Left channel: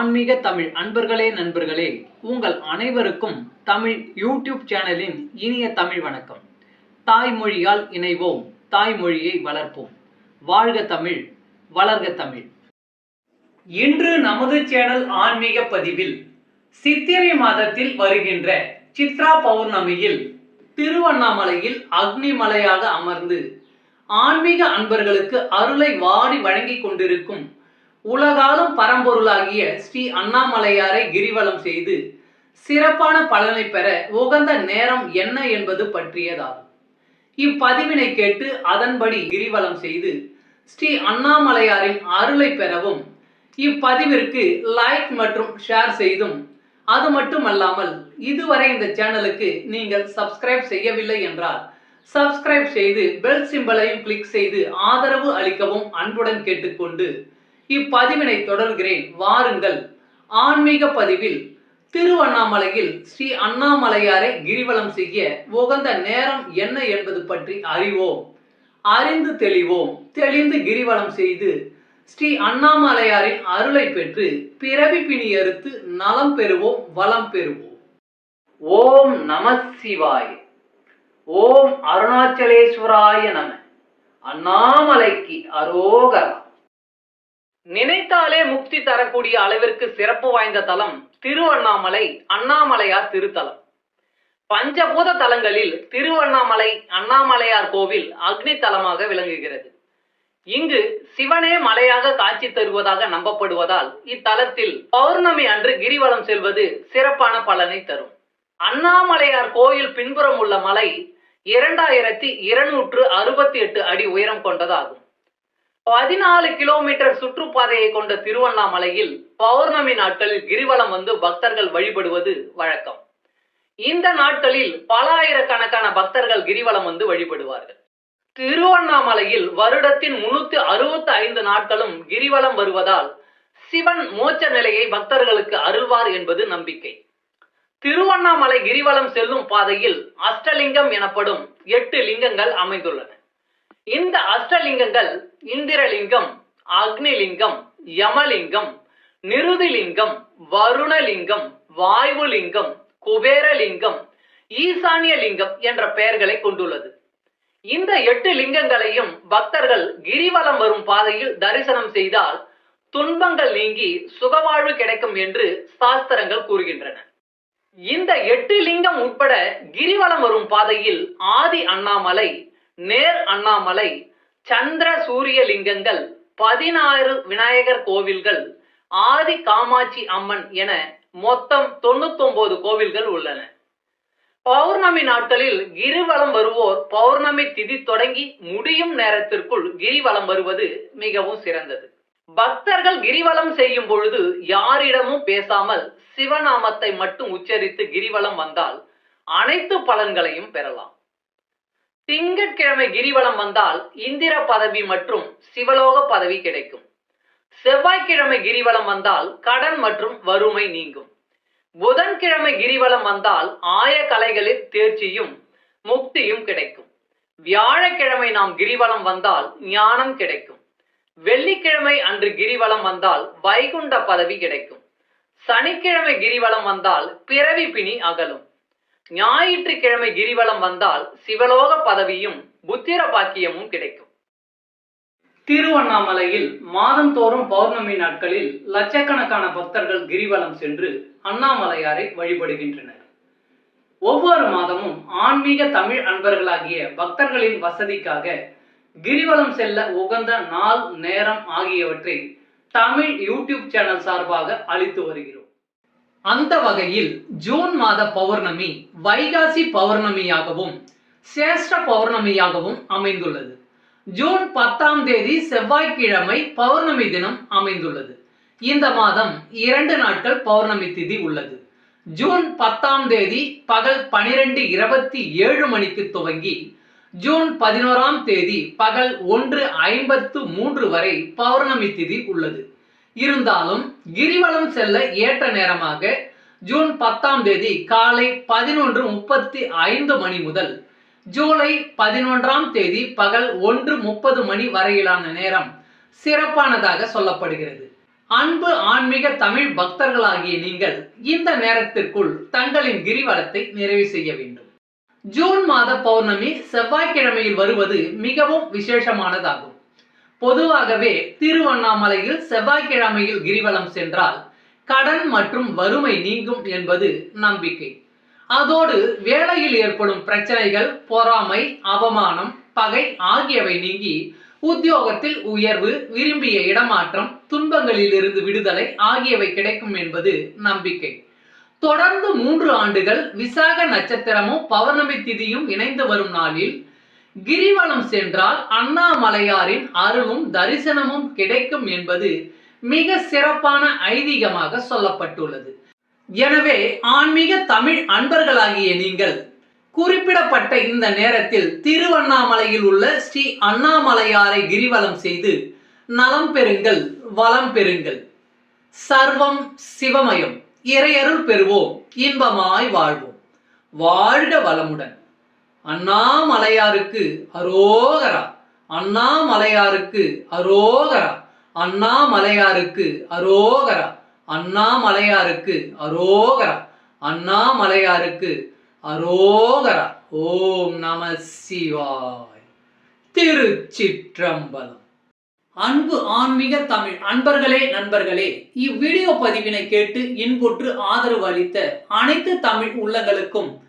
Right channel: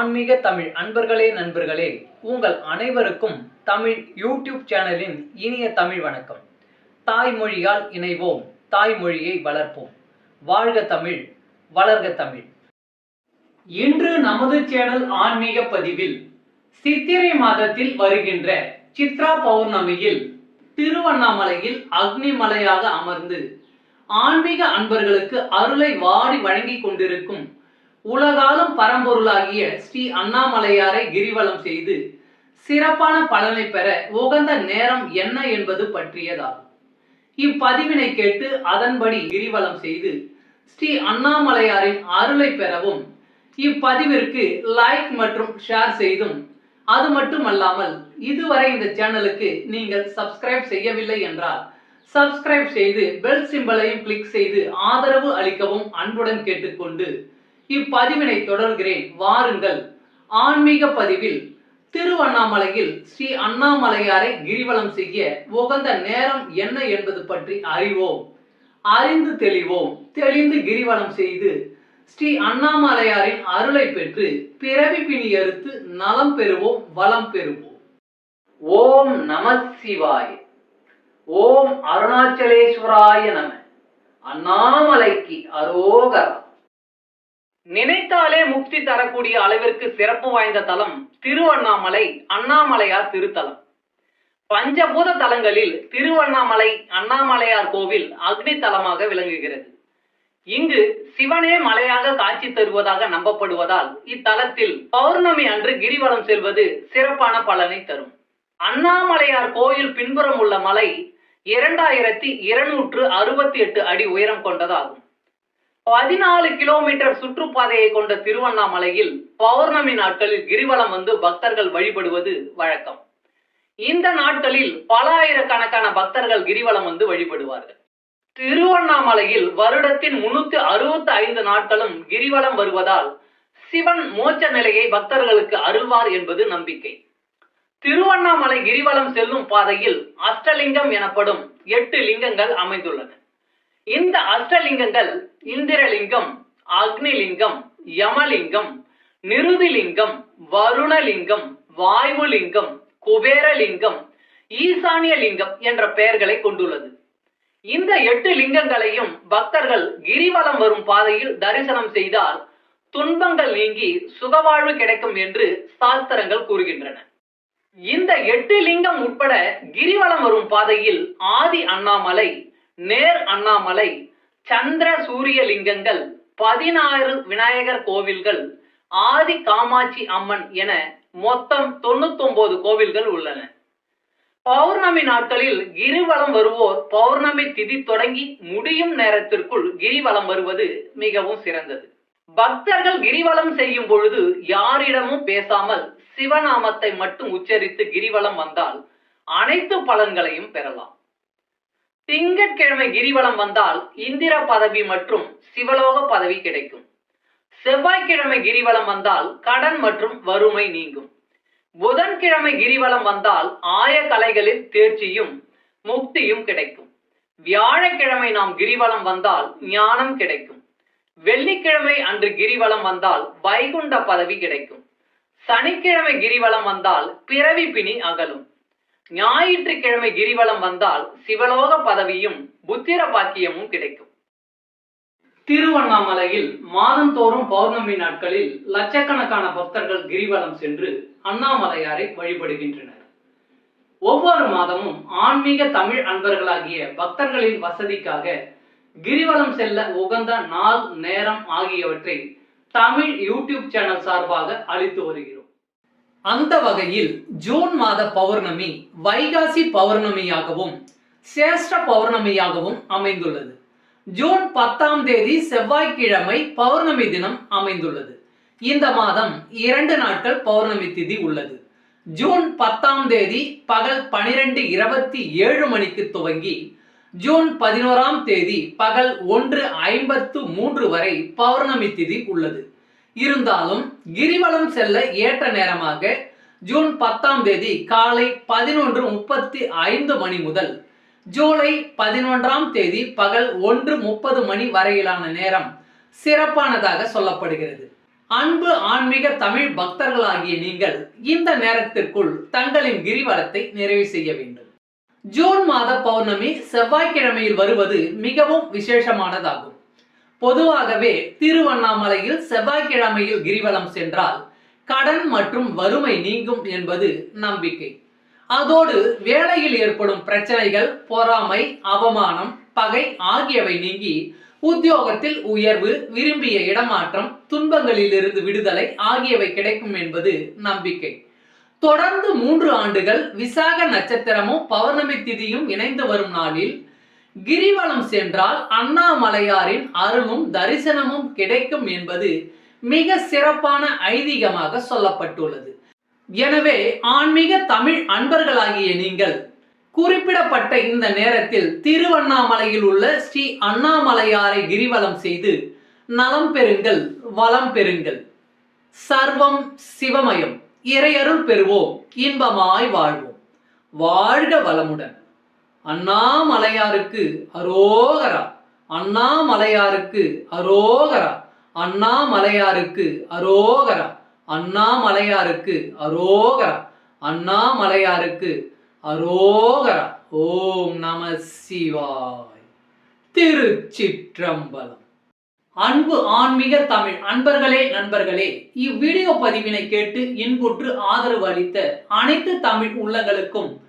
ஆன்மீக தமிழ் அன்பர்களே நண்பர்களே உங்கள் அனைவருக்கும் தமிழ் யூடியூப் சேனலின் இனிய தமிழ் வணக்கம். தாய்மொழியால் இணைவோம் தாய்மொழியை வளர்ப்போம். வாழ்க தமிழ் வளர்க தமிழ். இன்று நமது சேனல் ஆன்மீக பதிவில் சித்திரை மாதத்தில் வருகின்ற சித்ரா பௌர்ணமியில் திருவண்ணாமலையில் அக்னிமலையாக அமர்ந்து ஆன்மீக அன்பர்களுக்கு அருளை வாரி வழங்கிக் கொண்டிருக்கும் உலகாலும் பரம்பொருளாகிய ஸ்ரீ அண்ணாமலையாரை கிரிவலம் செய்து சிறப்பான பலனை பெற உகந்த நேரம் என்ன என்பது பற்றியதாகும். இப்பதிவினை கேட்டு அதன்படி கிரிவலம் செய்து ஸ்ரீ அண்ணாமலையாரின் அருளை பெறவும் இப்பதிவிற்கு லைக் மற்றும் ஷேர் செய்தும் அது மட்டுமல்லாமல் இதுவரை இந்த சேனலுக்கு நீங்கள் சப்ஸ்கிரைப் செய்யவில்லை என்றால் சப்ஸ்கிரைப் செய்து பெல் சிம்பலையும் கிளிக் செய்து ஆதரவு அளிக்கவும் அன்புடன் கேட்டுக்கொண்டு இப்பதிவினை தொடர்கிறேன். வாருங்கள். ஆன்மீக பதிவில் திருவண்ணாமலையில் ஸ்ரீ அண்ணாமலையாரை கிரிவலம் செய்ய உகந்த நேரம் என்ன என்பது பற்றி அறிவோம். அறிந்து தெளிவோம். தெளிந்து கிரிவலம் செய்து ஸ்ரீ அண்ணாமலையாரின் அருளை பெற்று பிறவி பிணி அறுத்து நலம் பெறுவோம் வளம் பெறுவோம். ஓம் நம சிவாய். ஓம் அருணாச்சலேஸ்வராய நம. அண்ணாமலைக்கு அரோகரா. நினைத்தாலே முக்தி தரக்கூடிய அளவிற்கு சிறப்பு வாய்ந்த தலம் திருவண்ணாமலை அண்ணாமலையார் திருத்தலம். பஞ்சபூத தலங்களில் திருவண்ணாமலை அண்ணாமலையார் கோவில் அக்னி தலமாக விளங்குகிறது. இங்கு சிவனே மலையாக காட்சி தருவதாக நம்பப்படுவதால் இத்தலத்தில் பௌர்ணமி அன்று கிரிவலம் செல்வது சிறப்பான பலனை தரும். அண்ணாமலையார் கோயில் பின்புறம் உள்ள மலை இரண்டாயிரத்தி இருநூற்று அறுபத்தி எட்டு அடி உயரம் கொண்டதாகும். பதினாலு கிலோமீட்டர் சுற்றுப்பாதையை கொண்ட திருவண்ணாமலையில் பௌர்ணமி நாட்களில் கிரிவலம் வந்து பக்தர்கள் வழிபடுவது வழக்கம். இந்த நாட்களில் பல ஆயிரக்கணக்கான பக்தர்கள் கிரிவலம் வந்து வழிபடுவார்கள். திருவண்ணாமலையில் வருடத்தின் முன்னூத்தி அறுபத்தி ஐந்து நாட்களும் கிரிவலம் வருவதால் சிவன் மோட்ச நிலையை பக்தர்களுக்கு அருள்வார் என்பது நம்பிக்கை. திருவண்ணாமலை கிரிவலம் செல்லும் பாதையில் அஷ்டலிங்கம் எனப்படும் எட்டு லிங்கங்கள் அமைந்துள்ளன. இந்த அஷ்டலிங்கங்கள் இந்திரலிங்கம் அக்னிலிங்கம் யமலிங்கம் நிருதிலிங்கம் வருணலிங்கம் வாயுலிங்கம் குபேரலிங்கம் ஈசானிய லிங்கம் என்ற பெயர்களை கொண்டுள்ளது. இந்த எட்டு லிங்கங்களையும் பக்தர்கள் கிரிவலம் வரும் பாதையில் தரிசனம் செய்தால் துன்பங்கள் நீங்கி சுகவாழ்வு கிடைக்கும் என்று சாஸ்திரங்கள் கூறுகின்றன. இந்த எட்டு லிங்கம் உட்பட கிரிவலம் வரும் பாதையில் ஆதி அண்ணாமலை நேர் அண்ணாமலை சந்திர சூரிய லிங்கங்கள் பதினாறு விநாயகர் கோவில்கள் ஆதி காமாட்சி அம்மன் என மொத்தம் தொண்ணூத்தொன்பது கோவில்கள் உள்ளன. பௌர்ணமி நாட்களில் கிரிவலம் வருவோர் பௌர்ணமி திதி தொடங்கி முடியும் நேரத்திற்குள் கிரிவலம் வருவது மிகவும் சிறந்தது. பக்தர்கள் கிரிவலம் செய்யும் பொழுது யாரிடமும் பேசாமல் சிவநாமத்தை மட்டும் உச்சரித்து கிரிவலம் வந்தால் அனைத்து பலன்களையும் பெறலாம். திங்கட்கிழமை கிரிவலம் வந்தால் இந்திர பதவி மற்றும் சிவலோக பதவி கிடைக்கும். செவ்வாய்க்கிழமை கிரிவலம் வந்தால் கடன் மற்றும் வறுமை நீங்கும். புதன்கிழமை கிரிவலம் வந்தால் ஆய கலைகளில் தேர்ச்சியும் முக்தியும் கிடைக்கும். வியாழக்கிழமை நாம் கிரிவலம் வந்தால் ஞானம் கிடைக்கும். வெள்ளிக்கிழமை அன்று கிரிவலம் வந்தால் வைகுண்ட பதவி கிடைக்கும். சனிக்கிழமை கிரிவலம் வந்தால் பிறவி பிணி அகலும். ஞாயிற்றுக்கிழமை கிரிவலம் வந்தால் சிவலோக பதவியும் புத்திர பாக்கியமும் கிடைக்கும். திருவண்ணாமலையில் மாதந்தோறும் பௌர்ணமி நாட்களில் லட்சக்கணக்கான பக்தர்கள் கிரிவலம் சென்று அண்ணாமலையாரை வழிபடுகின்றனர். ஒவ்வொரு மாதமும் ஆன்மீக தமிழ் அன்பர்களாகிய பக்தர்களின் வசதிக்காக கிரிவலம் செல்ல உகந்த நாள் நேரம் ஆகியவற்றை தமிழ் யூடியூப் சேனல் சார்பாக அளித்து வருகிறோம். அந்த வகையில் ஜூன் மாத பௌர்ணமி வைகாசி பௌர்ணமியாகவும் சேஷ்ட பௌர்ணமியாகவும் அமைந்துள்ளது. ஜூன் பத்தாம் தேதி செவ்வாய்க்கிழமை பௌர்ணமி தினம் அமைந்துள்ளது. இந்த மாதம் இரண்டு நாட்கள் பௌர்ணமி திதி உள்ளது. ஜூன் பத்தாம் தேதி பகல் பனிரெண்டு இருபத்தி ஏழு மணிக்கு துவங்கி ஜூன் பதினோராம் தேதி பகல் ஒன்று ஐம்பத்து மூன்று வரை பௌர்ணமி திதி உள்ளது. இருந்தாலும் கிரிவலம் செல்ல ஏற்ற நேரமாக ஜூன் பத்தாம் தேதி காலை பதினொன்று முப்பத்தி ஐந்து மணி முதல் ஜூலை பதினொன்றாம் தேதி பகல் ஒன்று முப்பது மணி வரையிலான நேரம் சிறப்பானதாக சொல்லப்படுகிறது. அன்பு ஆன்மீக தமிழ் பக்தர்களாகிய நீங்கள் இந்த நேரத்திற்குள் தங்களின் கிரிவலத்தை நிறைவு செய்ய வேண்டும். ஜூன் மாத பௌர்ணமி செவ்வாய்க்கிழமையில் வருவது மிகவும் விசேஷமானதாகும். பொதுவாகவே திருவண்ணாமலையில் செவ்வாய்க்கிழமையில் கிரிவலம் சென்றால் கடன் மற்றும் வறுமை நீங்கும் என்பது நம்பிக்கை. அதோடு வேலையில் ஏற்படும் பிரச்சனைகள் பொறாமை அவமானம் பகை ஆகியவை நீங்கி உத்தியோகத்தில் உயர்வு விரும்பிய இடமாற்றம் துன்பங்களிலிருந்து விடுதலை ஆகியவை கிடைக்கும் என்பது நம்பிக்கை. தொடர்ந்து மூன்று ஆண்டுகள் விசாக நட்சத்திரமும் பௌர்ணமி திதியும் இணைந்து வரும் நாளில் கிரிவலம் சென்றால் அண்ணாமலையாரின் அருளும் தரிசனமும் கிடைக்கும் என்பது மிக சிறப்பான ஐதீகமாக சொல்லப்பட்டுள்ளது. எனவே ஆன்மீக தமிழ் அன்பர்களாகிய நீங்கள் குறிப்பிடப்பட்ட இந்த நேரத்தில் திருவண்ணாமலையில் உள்ள ஸ்ரீ அண்ணாமலையாரை கிரிவலம் செய்து நலம் பெறுங்கள் வளம் பெறுங்கள். சர்வம் சிவமயம் இறையருள் பெறுவோம் இன்பமாய் வாழ்வோம். வாழ்க வளமுடன். அண்ணாமலையாருக்கு அரோகரா. அண்ணாமலையாருக்கு அரோகரா. அண்ணாமலையாருக்கு அரோகரா. அண்ணாமலையாருக்கு அரோகரா. அண்ணாமலையாருக்கு அரோகரா. ஓம் நம சிவாய். திருச்சிற்றம்பலம். அன்பு ஆன்மீக தமிழ் அன்பர்களே நண்பர்களே இவ்வீடியோ பதிவினை கேட்டு இன்புற்று ஆதரவு அளித்த அனைத்து தமிழ் உள்ளங்களுக்கும்